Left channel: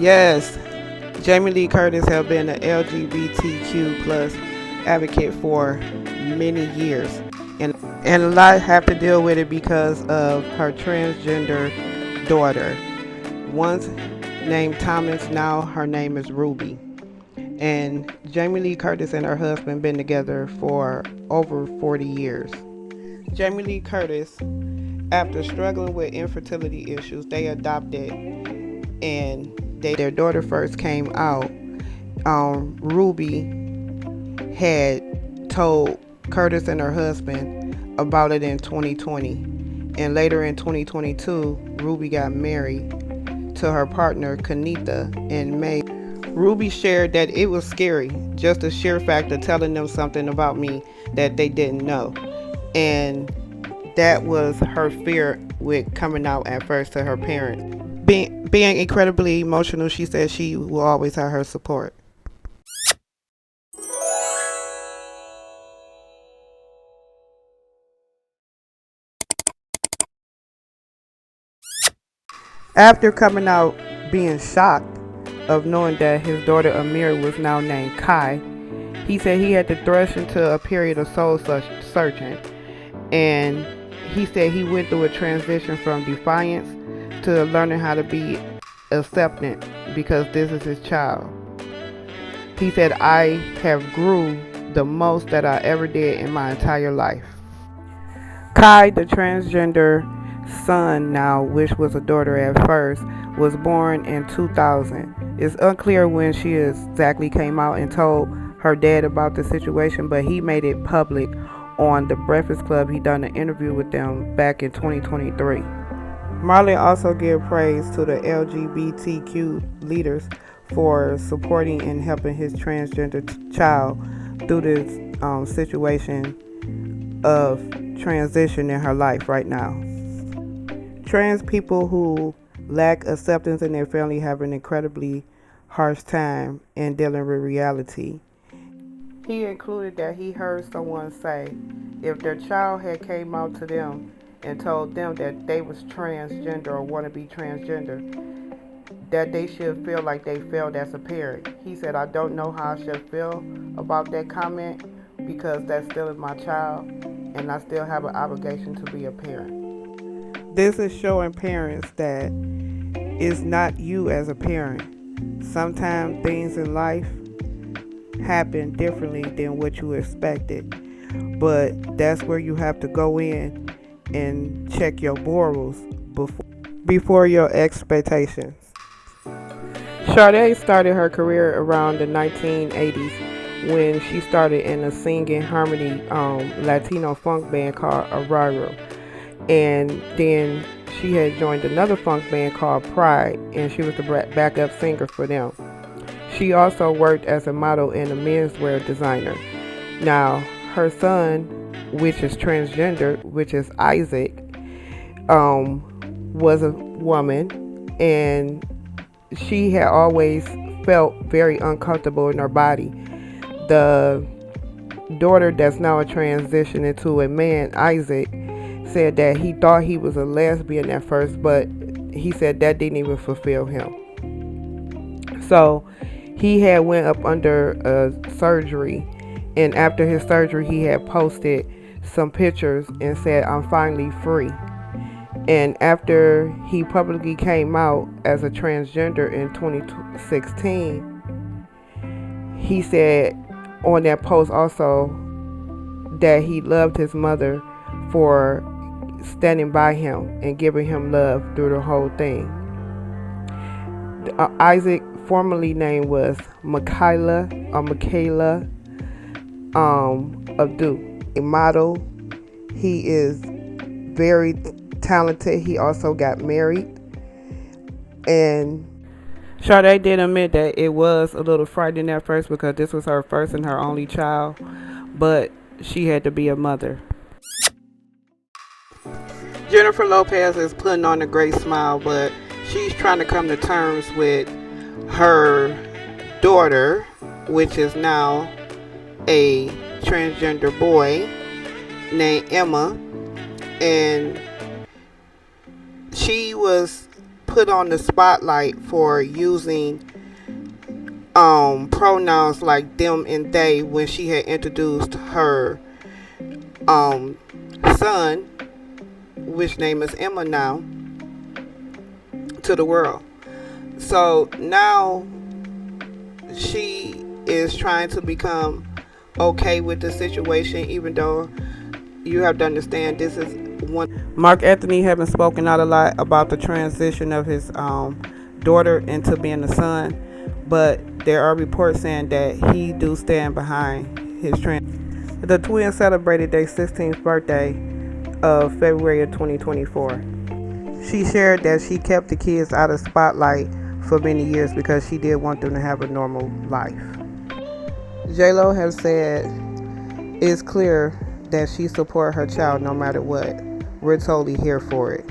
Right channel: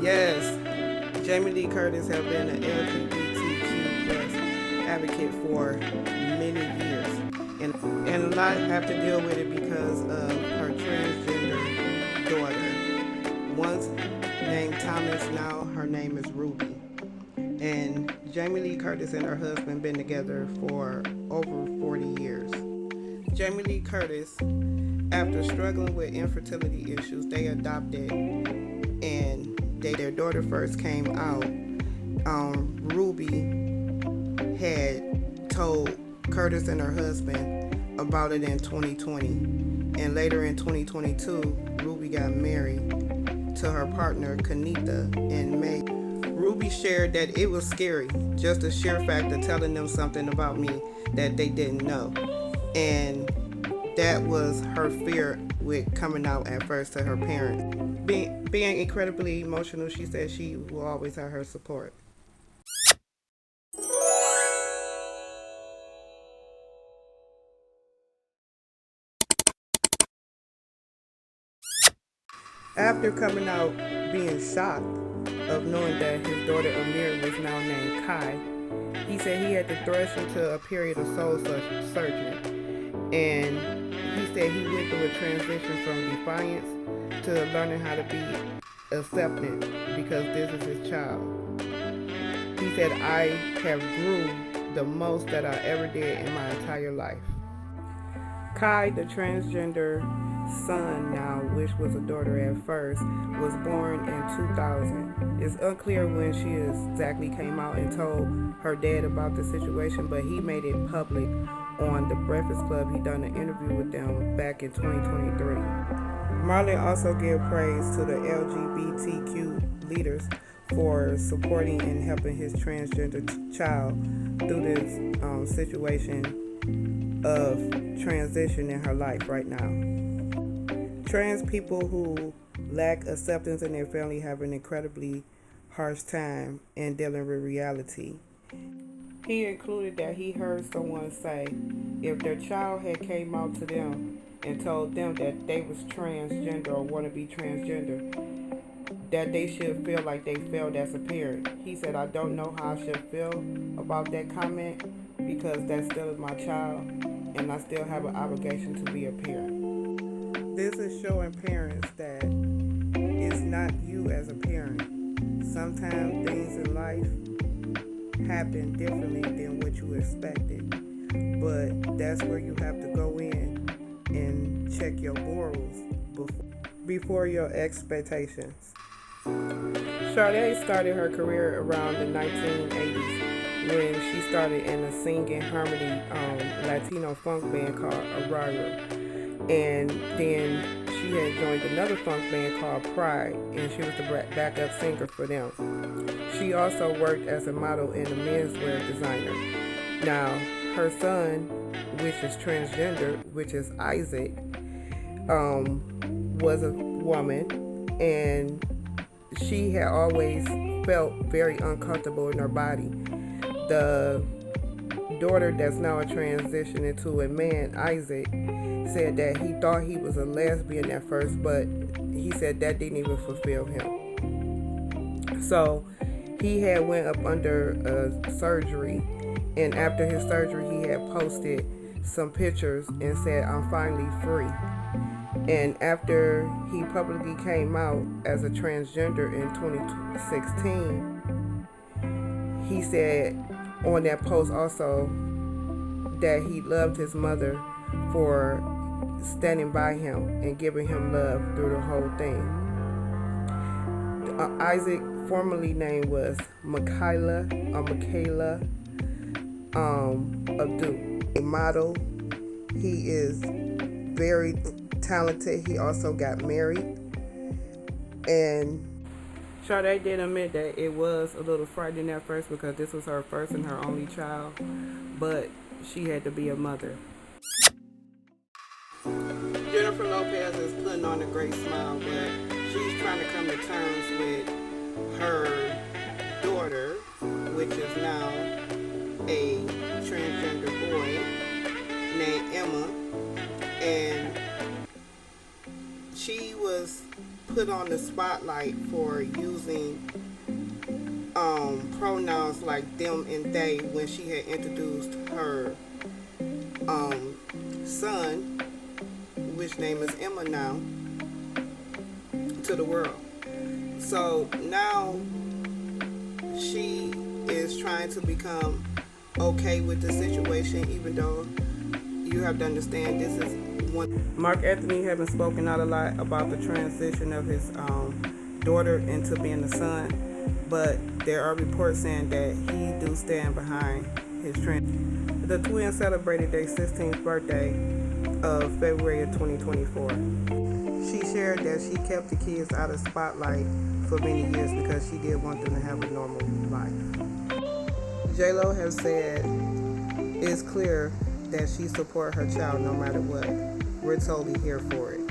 Yes, Jamie Lee Curtis has been an LGBTQ plus advocate for many years, and a lot have to deal with it because of her transgender daughter. Once named Thomas, now her name is Ruby. And Jamie Lee Curtis and her husband been together for over 40 years. Jamie Lee Curtis, after struggling with infertility issues, they adopted, and their daughter first came out. Ruby had told Curtis and her husband about it in 2020, and later in 2022, Ruby got married to her partner Kanita in May. Ruby shared that it was scary, just the sheer fact of telling them something about me that they didn't know, and that was her fear with coming out at first to her parents. Being incredibly emotional, she said she will always have her support. After coming out being shocked of knowing that his daughter Amir was now named Kai, he said he had to thresh into a period of soul searching, and he said he went through a transition from defiance to learning how to be acceptant because this is his child. He said, I have grew the most that I ever did in my entire life. Kai, the transgender son now, which was a daughter at first, was born in 2000. It's unclear when she exactly came out and told her dad about the situation, but he made it public on the Breakfast Club. He done an interview with them back in 2023. Marley also gave praise to the LGBTQ leaders for supporting and helping his transgender child through this situation of transition in her life right now. Trans people who lack acceptance in their family have an incredibly harsh time in dealing with reality. He included that he heard someone say if their child had came out to them and told them that they was transgender or want to be transgender, that they should feel like they failed as a parent. He said, I don't know how I should feel about that comment because that still is my child and I still have an obligation to be a parent. This is showing parents that it's not you as a parent. Sometimes things in life happen differently than what you expected, but that's where you have to go in and check your morals before your expectations. Sade started her career around the 1980s when she started in a singing harmony Latino funk band called Arroyo, and then she had joined another funk band called Pride, and she was the backup singer for them. She also worked as a model and a menswear designer. Now, her son, which is transgender, which is Isaac, was a woman, and she had always felt very uncomfortable in her body. The daughter that's now transitioned into a man, Isaac, said that he thought he was a lesbian at first, but he said that didn't even fulfill him. So he had went up under surgery, and after his surgery he had posted some pictures and said, I'm finally free. And after he publicly came out as a transgender in 2016, he said on that post also that he loved his mother for standing by him and giving him love through the whole thing. Isaac formerly name was Michaela Abdu, a model. He is very talented. He also got married, and Sade did admit that it was a little frightening at first because this was her first and her only child, but she had to be a mother. Jennifer Lopez is putting on a great smile, but she's trying to come to terms with her daughter, which is now a transgender boy named Emma, and she was put on the spotlight for using pronouns like them and they when she had introduced her son, which name is Emma now, to the world. So now she is trying to become okay with the situation, even though you have to understand this is one. Mark Anthony having spoken out a lot about the transition of his daughter into being the son, but there are reports saying that he do stand behind his trans. The twins celebrated their 16th birthday of February of 2024. She shared that she kept the kids out of spotlight for many years because she did want them to have a normal life. J-Lo has said it's clear that she support her child no matter what. We're totally here for it.